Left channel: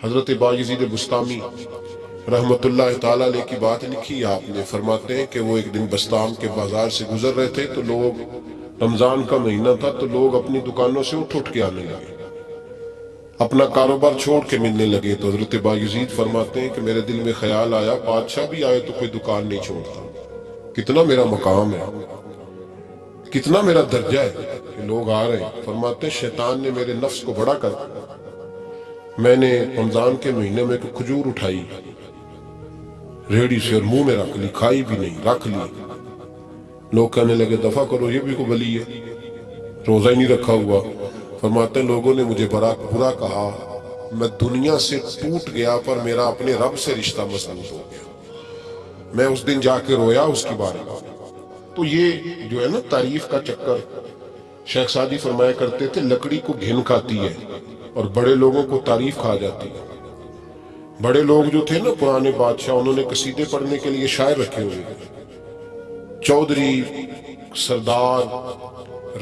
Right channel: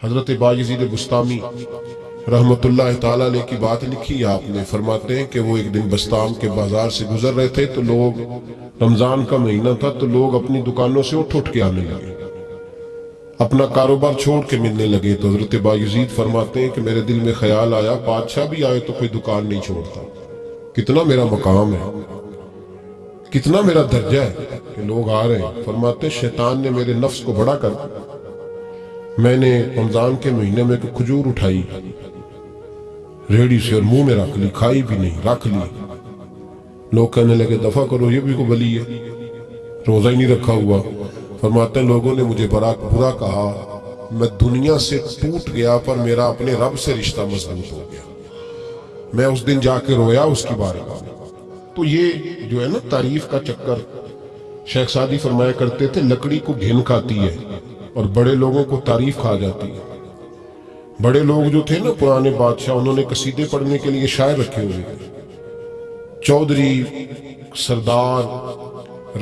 حضرت بایزید بستامی رحمتاللہ تعالیٰ علیہ کی بات لکھی آپ نے، فرماتے ہیں کہ وہ ایک دن بستام کے بازار سے گزر رہے تھے تو لوگ، رمضان کا مہینہ تھا تو لوگ اپنی دکانوں سے اٹھ کے آنے لگے، اپنا کاروبار چھوڑ کے ملنے لگے۔ تو حضرت بایزید فرماتے ہیں کہ میرے دل میں خیال آیا بادشاہ بھی آئے تو کوئی دکان نہیں چھوڑتا، کتنا میرا مقام ہے، کتنا میرا درجہ ہے کہ لوگ آ رہے ہیں۔ فرماتے ہیں شیطان نے میرے نفس کو بڑا کر، میں نے رمضان کے مہینے میں کوئی کھجور اٹھائی ریڑھی سے اور منہ میں رکھ لی، کھائی بھی نہیں، رکھ لی۔ لوگ کہنے لگے دفع کرو، یہ بھی کو بلی ہے، روزہ ہی نہیں رکھا ہوا۔ فرماتے ہیں لوگوں نے مجھے برا کہا، میں دنیا سے ٹوٹ گیا پر میرا اپنے رب سے رشتہ مضبوط ہو گیا۔ میں اس دن جا کے رویا اس کی بارگاہ میں۔ تو یہ جو ہے نا تعریف کا چکر، شیخ سعدی فرمایا کرتے تھے لکڑی کو گھن کھاتی ہے اور بڑے لوگوں کو تعریف کھا جاتی ہے۔ بڑے لوگ جو تھے نا پرانے بادشاہ، انہوں نے قصیدے پڑھنے کے لیے شاعر رکھے ہوئے تھے، چودھری، سردار،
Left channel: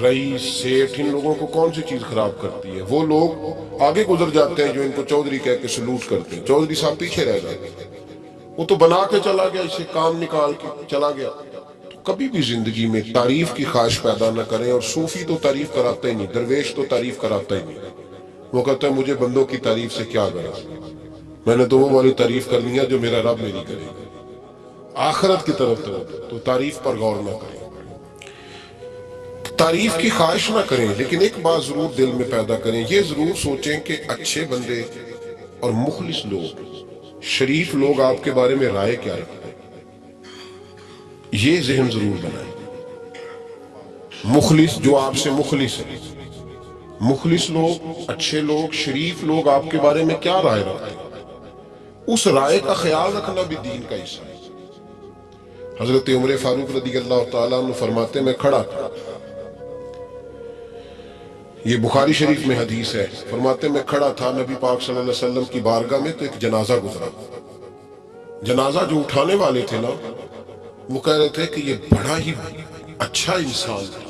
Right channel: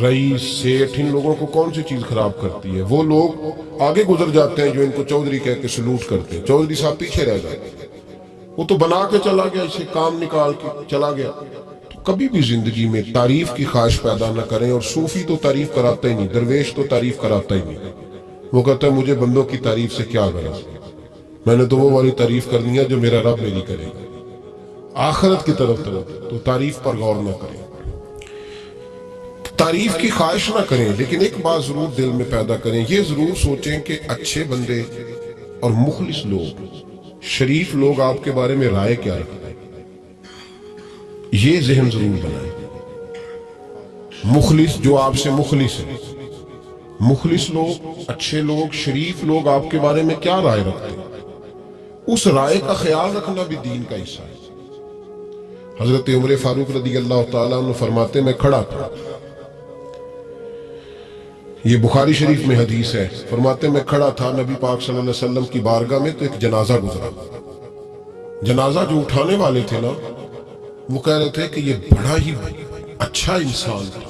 رئیس، سیٹھ، ان لوگوں کو کون سی چیز خراب کرتی ہے؟ وہ لوگ آگے گزر جاتے ہیں جو ان کو چودھری کہہ کے سلوٹ کرتے ہیں، چودھری صاحب پیچھے رہ جاتے ہیں۔ وہ تو بنا کے چلا گیا، اسے کام نکال کے چلا گیا۔ تو کبھی بھی زندگی میں تعریف کی خواہش پیدا نہ کریں، اور صوفی تو تعریف کراتا ہی نہیں، درویش تو تعریف کراتا ہی نہیں۔ وہ کہتا ہے مجھے بندوں کی تعریف سے کیا غرض، میں نے تو وہ والی تعریف کرنی ہے جو میرا رب میری کرے گا، آخرت کی طرف تو تعریف پر غور نہ کریں، تعریف کی خواہش نہ کریں، لیکن ایک بات ضرور دل میں پیدا کریں، یہ ضرور سوچیں کہ اچھے بندے اور مخلص لوگ، شریف لوگ آپ کے بارے میں رائے کیا رکھتے ہیں، یہ ذہن ضرور بنائیں۔ مخلص جو آپ سے مخلص ہے، مخلص لوگ، اچھے لوگ، شریف لوگ آپ کے بارے میں کیا رائے رکھتے ہیں، اس رائے کا خیال رکھنا بھی دین کا حصہ ہے۔ حضرت عمر فاروق رضی اللہ تعالیٰ عنہ فرماتے میں کھڑا تھا، یہ بخاری شریف میں حدیث ہے، فرماتے میں کھڑا تھا نبی پاک صلی اللہ علیہ وسلم کی بارگاہ میں تو ایک جنازہ گزرا۔ جنازہ جو اٹھانے والے تھے نا، وہ کہہ رہے تھے کہ یہ بڑا ہی اچھا انسان تھا،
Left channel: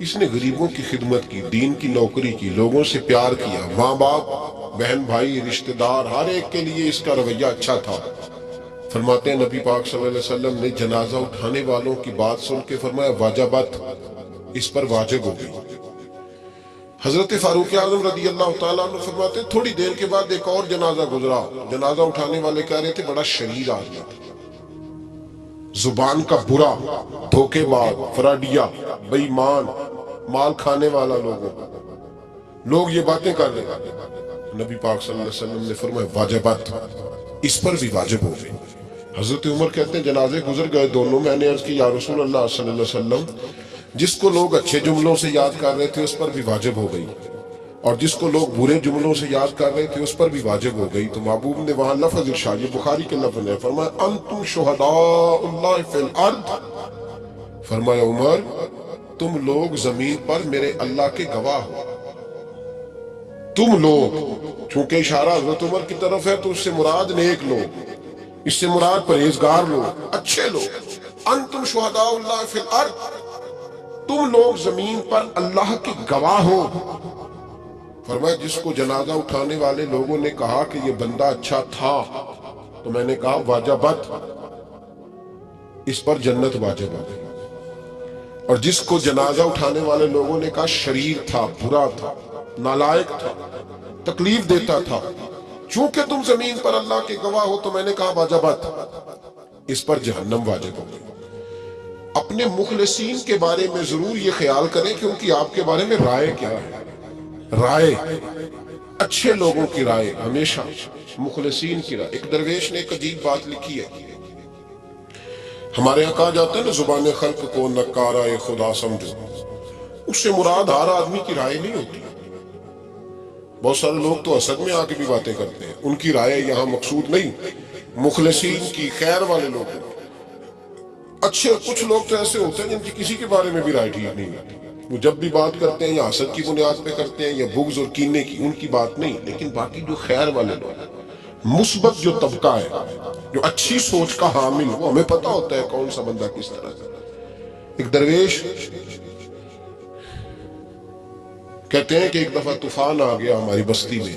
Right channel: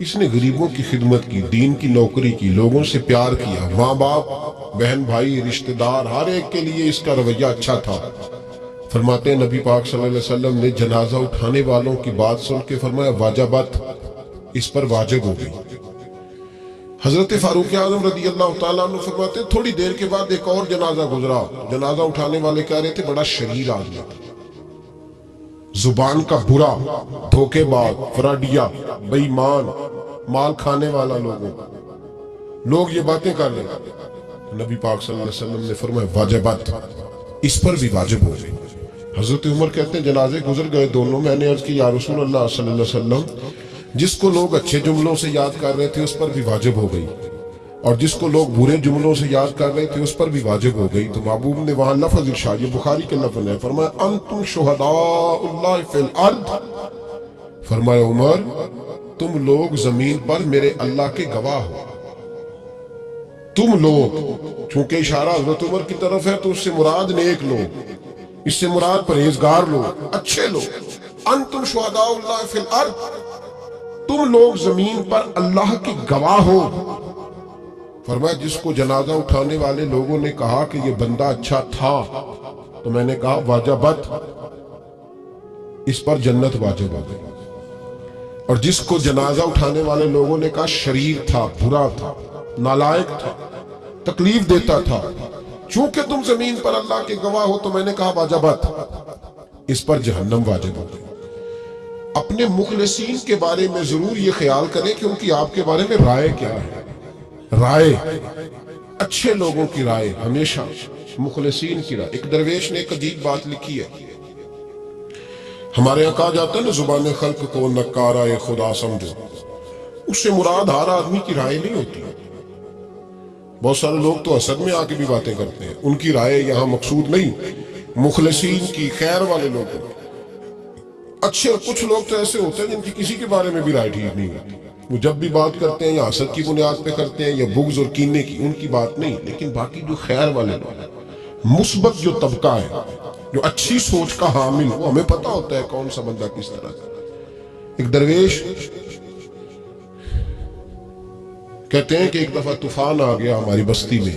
اس نے غریبوں کی خدمت کی، دین کی نوکری کی، لوگوں سے پیار کیا، ماں باپ، بہن بھائی، رشتہ دار، ہر ایک کے لیے اس کا رویہ اچھا تھا۔ فرماتے ہیں نبی پاک صلی اللہ علیہ وسلم نے جنازہ اٹھانے والوں کی بات سن کے فرمایا واجبت، اس پر واجب ہو گئی۔ حضرت فاروق اعظم رضی اللہ تعالیٰ عنہ فرماتے ہیں تھوڑی دیر کے بعد ایک اور جنازہ گزرا، جنازہ اٹھانے والے کہہ رہے تھے بڑا شریر آدمی تھا، زبان کا برا، دھوکے باز، فراڈیا، بے ایمان، مال کھانے والا لوگوں کا، لوگ یہ باتیں کر رہے ہیں۔ نبی پاک صلی اللہ علیہ وسلم نے فرمایا واجبات، اس پر بھی واجب ہو گئی۔ حضرت عمر کہتے ہیں جنازے گزر گئے دونوں، میں نے عرض کی یا رسول اللہ صلی اللہ علیہ وسلم، جس کو لوگ اچھے جملوں سے یاد کر رہے تھے اس پر بھی واجب ہو گئی، اور جس کو لوگ برے جملوں سے یاد کر رہے تھے اس پر بھی واجب ہو گئی۔ تو محبوب نے وہاں لفظ ارشاد، یہ بخاری کے لفظ ہے، فرمایا انتم شہداء اللہ فی الارض، فرمایا عمر تم لوگ زمین پر میرے اللہ کے گواہ ہو، تم لوگ، چونکہ اشارہ حضرت عمر کی طرف ہے تو اس سے مراد نیک لوگ، اس سے مراد پرہیزگار لوگ، اچھے لوگ، انتم شہداء اللہ فی الارض، تم لوگ زمین پر اللہ کے گواہ ہو۔ فرمایا جس کو جنازہ اٹھانے والے لوگوں نے کہا کہ یہ بندہ اچھا تھا تو میں نے کہا واجبت، اس پر جنت واجب ہو گئی، اور جس کو جنازہ اٹھانے والے لوگوں نے کہا شریر تھا، برا تھا، نالائق تھا، تکلیف دیتا تھا، چونکہ تم زمین پر اللہ کے گواہ ہو تو میں نے کہا واجبت، اس پر جہنم واجب ہو گئی۔ اپنے مخلصین کے بارے میں ضرور یہ خیال کریں کہ ان کی آپ کے بارے میں رائے کیا ہے، رائے، اچھے لوگوں کی رائے، ہمیشہ مخلصین کی رائے۔ ایک درویش نے ایک عجیب بات لکھی ہے، ہمارے یہاں کہا جاتا ہے نا زبان خلق کو نکارہ خدا سمجھو، اس سے مراد ہر آدمی کی رائے نہیں ہوتی، بہت سارے لوگ تو حسد میں آ کے بھی باتیں کرتے ہیں، ان کی رائے یہاں مقصود نہیں، مخلصین کی، خیر والے لوگ اچھے۔ کچھ لوگ تو ایسے ہوتے ہیں جن کی کسی کے بارے میں بھی رائے ٹھیک نہیں ہوتی، وہ جب بھی بات کرتے ہیں یا حسد کی بنیاد پہ کرتے ہیں یا بغض اور کینے کی، ان کی بات نہیں، لیکن باقی جو خیر والے لوگ، مثبت جو طبقہ ہے، جو اچھی سوچ کا حامل، وہ ہمیں پتہ ہوتا ہے کون سا بندہ کس طرح کا۔ ایک درویش کہتے ہیں کہ ایک دفعہ طوفان آ گیا ہماری بستی میں،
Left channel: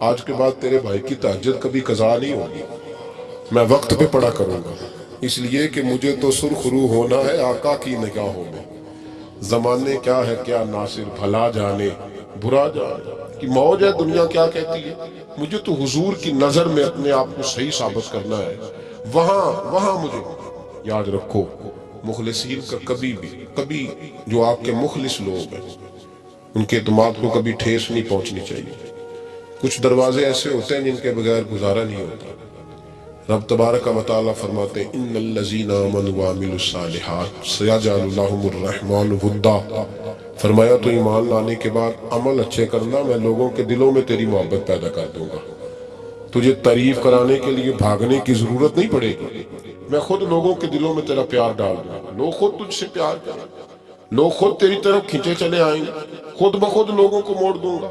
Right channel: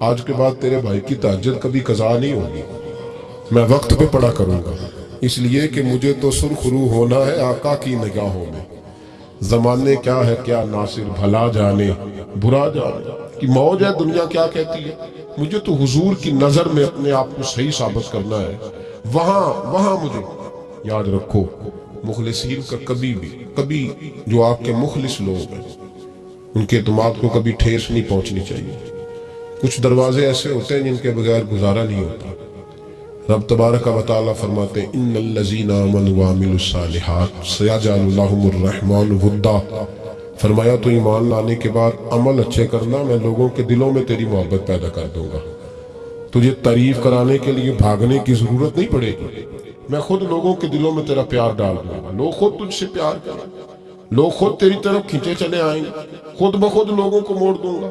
آج کے بعد تیرے بھائی کی تہجد کبھی قضا نہیں ہوگی، میں وقت پہ پڑھا کروں گا، اس لیے کہ مجھے تو سرخ رو ہونا ہے آقا کی نگاہوں میں۔ زمانے کیا ہے کیا ناصر، بھلا جانے برا جانے کی موج ہے دنیا کیا کہتی ہے، مجھے تو حضور کی نظر میں اپنے آپ کو صحیح ثابت کرنا ہے، وہاں مجھے یاد رکھو مخلصین کا کبھی جو آپ کے مخلص لوگ ہیں ان کے اعتماد کو کبھی ٹھیس نہیں پہنچنی چاہیے۔ کچھ دروازے ایسے ہوتے ہیں جن کے بغیر گزارا نہیں ہوتا۔ رب تبارک و تعالیٰ فرماتے ہیں ان الذین آمنوا وعملوا الصالحات سیجعل لهم الرحمن ودا، فرمایا تو ایمان لانے کے بعد عمل اچھے کرنا، میں لوگوں کے دلوں میں تیری محبت پیدا کر دوں گا، تجھے تعریف کرانے کے لیے بھاگنے کی ضرورت نہیں پڑے گی، میں خود لوگوں کے دلوں میں تیرا پیار ڈال دوں گا، لوگ خود تجھ سے پیار کریں، لوگ خود تیری طرف کھینچے چلے آئیں گے، خود بخود لوگوں کو موڑ دوں گا۔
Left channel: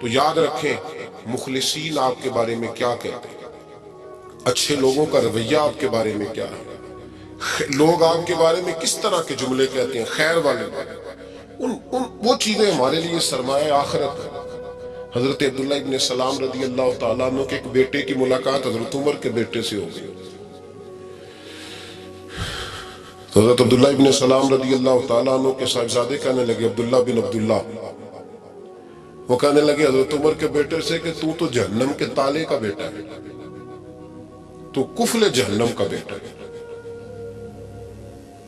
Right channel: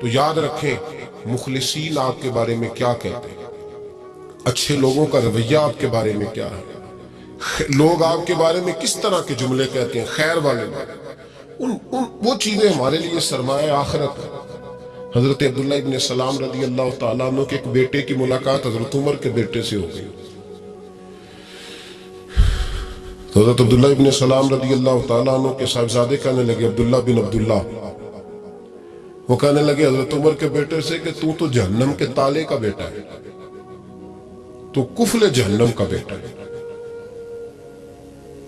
تو یاد رکھیں مخلصین آپ کے بارے میں کیا کہتے ہیں، اچھے لوگوں کا رویہ آپ کے بارے میں کیا ہے، لوگ آپ کے بارے میں کس طرح کے جملے کہتے ہیں، خیر والے وہ چیزیں ہمارے لیے سرمایہ آخرت ہے۔ حضرت عبداللہ ابن سلام رضی اللہ تعالیٰ عنہ کے ایک بیٹے کی ملاقات حضرت عمر کے بیٹے سے ہو گئی۔ تو حضرت عبداللہ ابن سلام رضی اللہ تعالیٰ عنہ کے صاحبزادے کہنے لگے عبداللہ بن عبداللہ، وہ کہنے لگے حضرت عمر کے بیٹے سے کہ تو جہنم کے تالے کا بیٹا ہے، تو کفل جہنم کا بیٹا ہے۔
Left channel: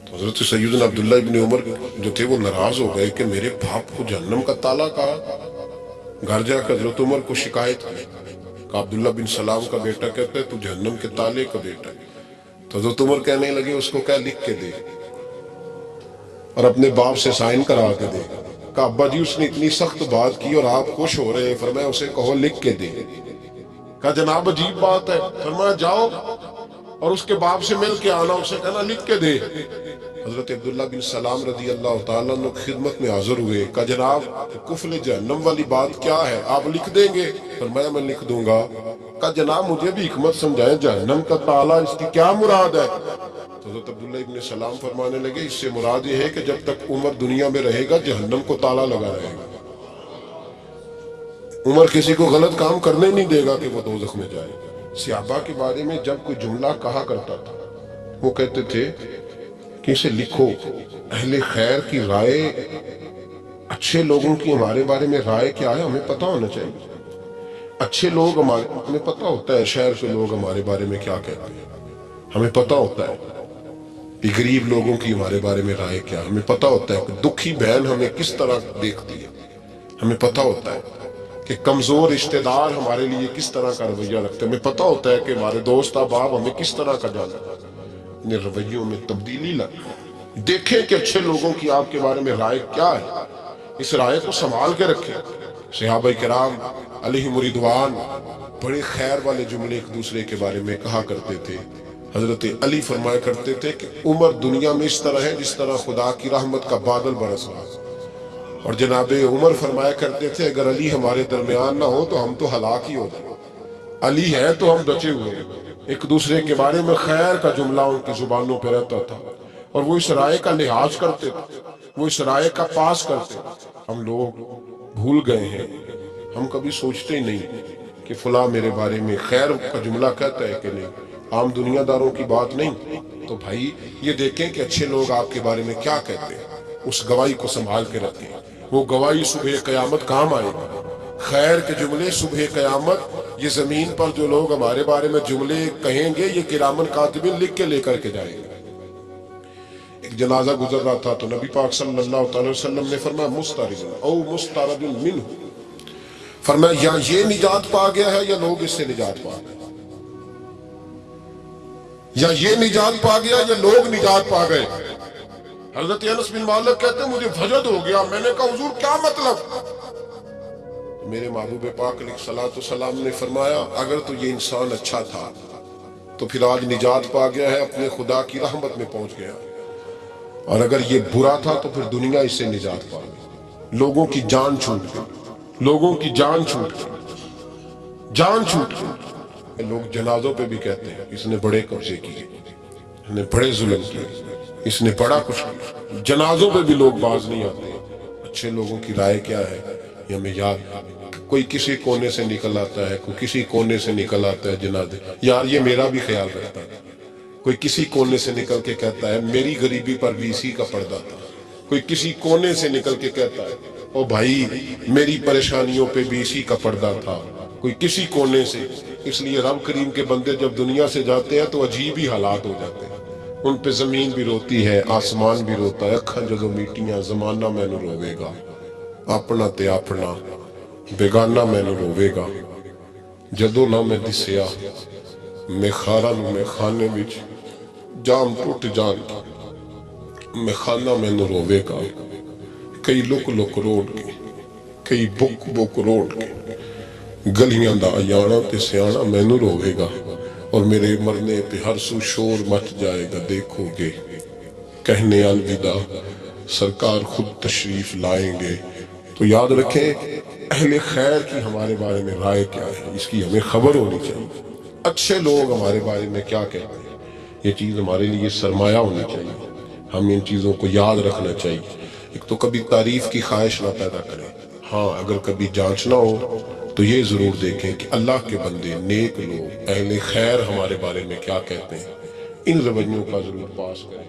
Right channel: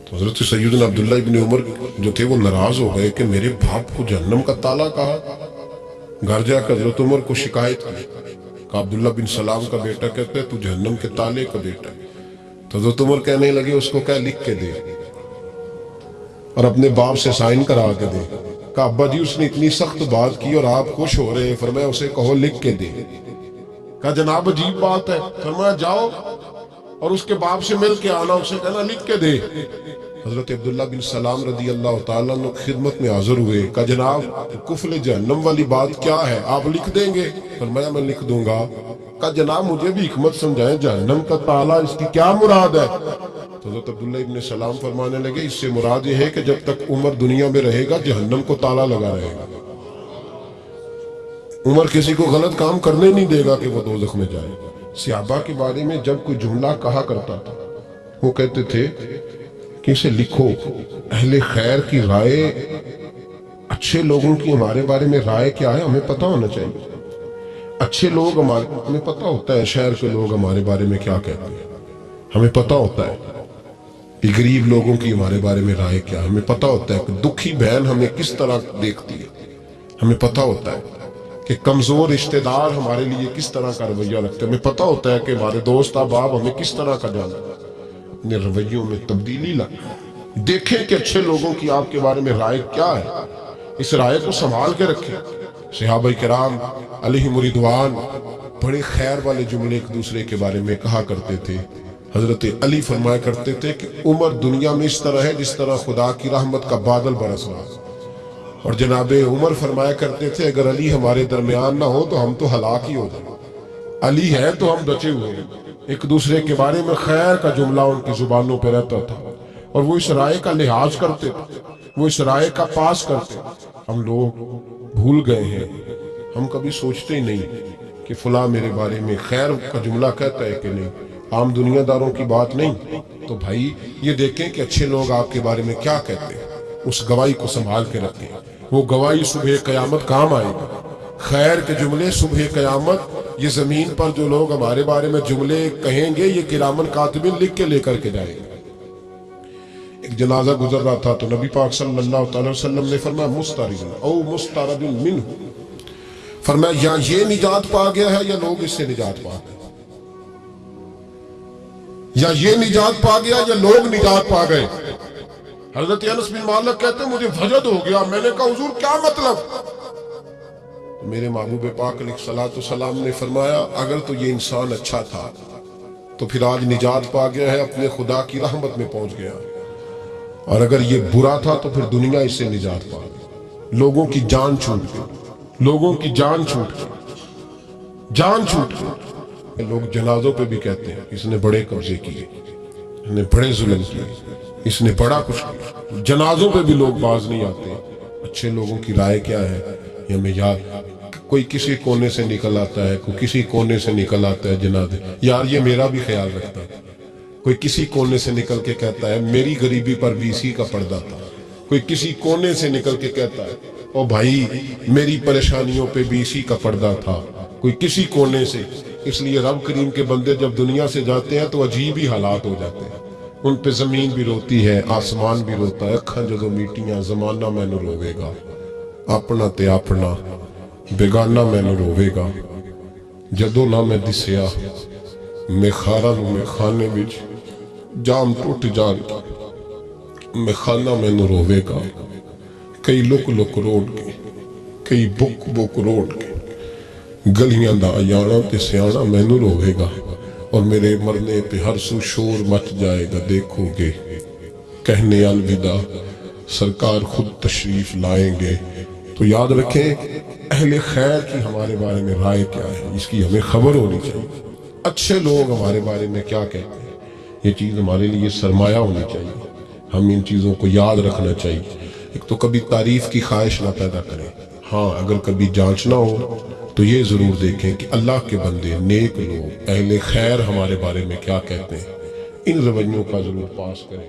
تو حضرت سیدنا عبداللہ ابن عمر جو تھے وہ ناراض ہو گئے کہ میرے باپ کو جہنم کا تالا کہا۔ گھر جا کر حضرت عمر کو شکایت کی کہ عبداللہ بن سلام کا بیٹا کہتا ہے تو جہنم کے تالے کا بیٹا ہے۔ تو حضرت عمر کہنے لگے اس کو کیا لکھ کے دے اور اپنے باپ سے سائن کرا کے دے۔ کہا ابا جی اس نے اتنی سخت بات کی اور آپ خوش ہو رہے ہیں، فرمایا اسے کہو لکھ کے دے۔ کہا جناب عجیب بات ہے، فرمایا جاؤ اور اس کے باپ سے مل کے آنا، اسے کہنا لکھ کے دے۔ حضرت عبداللہ بن سلام رضی اللہ تعالیٰ عنہ خدمت میں حاضر ہوئے، کہا جناب کفل جہنم والی بات کیا ہے، آپ لکھ دیں گے؟ فرمایا میں لکھ دوں گا۔ کہا جناب مجھے بھی حکمت سمجھائیں، جہنم کا تالا اس کی کیا مراد ہے؟ تو حضرت عبداللہ ابن سلام فرمانے لگے اس سے مراد یہ ہے کہ جب تک عمر دنیا میں رہے گا جہنم کو تالا لگا رہے گا، عمر کسی کو غلط کام کرنے نہیں دے گا کہ وہ دوزخ میں جائے۔ صحابہ کے بارے میں جب کوئی جملہ کہا کرتا تھا وہ کہتے تھے کہ اسے لکھو، اہل خیر کی رائے، اچھے لوگوں کی ہمارے بارے میں رائے کیا ہے ہمیں پتہ ہونا چاہیے۔ اچھے لوگ ہمیں پتہ ہوتا ہے شہر کے لوگ ہمارے بارے میں کیا کہتے ہیں، ہمیں پتہ ہوتا ہے کہ غریب لوگوں کی ہمارے بارے میں رائے کیا، ہمیں پتہ ہوتا ہے کہ دکھی بہن ہمیں کس طرح دیکھتی ہے، ہمیں پتہ ہوتا ہے کہ کمزور رشتہ دار ہمارے لیے کس طرح کا رویہ رکھتے ہیں، ہمیں پتہ ہوتا ہے کہ ہمارے دوست احباب ہمیں کس طرح کا جانتے ہیں۔ اپنے رویوں میں تبدیلی لائیں، دیکھیں کہ اچھے لوگوں کی آپ کے بارے میں رائے کیا ہے، اس رائے کو سنبھال کے رکھیں۔ صحابہ کرام علیہم رضوان بڑے خیر والے جملے ایک دوسرے کے بارے میں کہا کرتے تھے۔ حضرت علی فرمایا کرتے تھے کہ عمر دنیا میں اس طرح ہے جس طرح خدا کی رحمت کا بادل برس رہا ہے، اور جناب عمر فرمایا کرتے تھے اگر علی ہمارے درمیان نہ ہو تو ہم تو ہلاک ہی ہو جائیں، علی ہے تو ہم بچے ہوئے ہیں۔ ایک دوسرے کے بارے میں خیر کا جملہ ان کی زبانوں پہ رہتا تھا اور وہ اس رائے کا لحاظ کرتے تھے، وہ اس رائے کا پاس کرتے۔ ہم لوگ بھول گئے ہیں، ہم کبھی سوچتے ہی نہیں کہ فلاں میرے بارے میں خیر کا جملہ کہتا ہے کہ نہیں، عام دنیا داروں کی بات نہیں۔ تو بھائی یہ دیکھیں کہ اچھے لوگ آپ کے بارے میں کیا کہتے ہیں، اس گواہی کو سنبھال کے رکھیں، وہ گواہی صبح قیامت کام آئے گی۔ خیر کے جملے صبح قیامت، یہ زمین پر جو لوگ ہمارے بارے میں جملے کہیں گے یہ کرامن کاتبین لکھ کے لے کر کے جائیں گے۔ ایک جنازہ گزر رہا تھا تو نبی پاک صلی اللہ تعالی وسلم نے فرمایا مسترد او مسترد منہ، فرمایا یا یہ نجات پا گیا ہے یا لوگ اس سے نجات پا گئے، یا یہ نجات پا گیا یا لوگ نجات پا گئے۔ حضرت انس بن مالک کہتے ہیں مجھے وجد ہو گیا، میں نے کہا حضور کیا مطلب؟ میرے محبوب پاک علیہ الصلوۃ والسلام نے فرمایا اگر تو یہ انسان اچھا تھا تو پھر آج نجات پا گیا ہے، اپنے خدا کی رحمت میں پہنچ گیا، اور اگر یہ برا تھا تو پھر دنیا اس سے نجات پا گئی۔ لوگوں کی جان چھوٹ گئی، لوگوں کی جان چھوٹ گئی، جان چھوٹ گئی۔ لوگ جنازوں پہ بھی کہتے ہیں اس نے بڑے قبضے کیے، اس نے بڑے ظلم کیے، اس نے بڑا کچھ کیا۔ جنازوں پہ بھی لوگ باز نہیں آتے۔ اچھے لوگوں کی رائے کیا ہے یہ ہمیں یاد کوئی کسی کونے سے نکل آتا ہے، کوئی کسی کونے سے نکل آتا ہے جنازے. یار یہ میرا بھی خیال رکھتا تھا. کوئی کسی کونے سے نکل کے کہتا ہے میری غریبی پر VC کا پردہ تھا. کوئی کسی کونے سے نکل کے کہتا ہے او بھائی میری پریشانیوں پہ VC کا پردہ تھا. کوئی کسی کونے سے. اس لیے رب کریم کے بندے جب دنیا سے جاتے ہیں تو عجیب ہی حالات ہو جاتے ہیں. ان پہ زمین بھی روتی ہے، آسمان بھی روتا ہے. اکھاں جدو میٹیاں زمانہ مینوں روے گا، اپنا تے اپنا بیگانہ مینوں روے گا. جدو نہ میں دسیا میں خارا نو میں خانے وچ جام ٹوٹ جان میں خانہ مینوں روے گا. کئی لک لک روڑ کے، کئی بک بک روڑ کے گلیاں دا آیانا تے سیانا مینوں روے گا. اور میرے مرنے پہ ہر سو شور مچ جائے گا، دیکھو گے کہنے الوداع سرکار خود تشریف لائیں گے. تو یاد رکھیں اہل خیر کی ہمارے بارے میں رائے کیا ہے، اس کی ہمیں خبر ہونی چاہیے. اچھے لوگ ہمارے بارے میں کیا کہتے ہیں، یہ چیز ہمارے لیے سرمایہ ہونی چاہیے. ہم ان چیزوں کو یاد رکھنا چاہیے. ایک تو کبھی تعریف کی خواہش نہ پیدا کریں. ہاں اگر کبھی جانچنا ہو تو یہ ضرور دیکھیں کہ اللہ کے بندے، نیک لوگ، اہل خیر ہمارے بارے میں کیا کہتے ہیں. ان رویوں کا ضرور پاس کریں.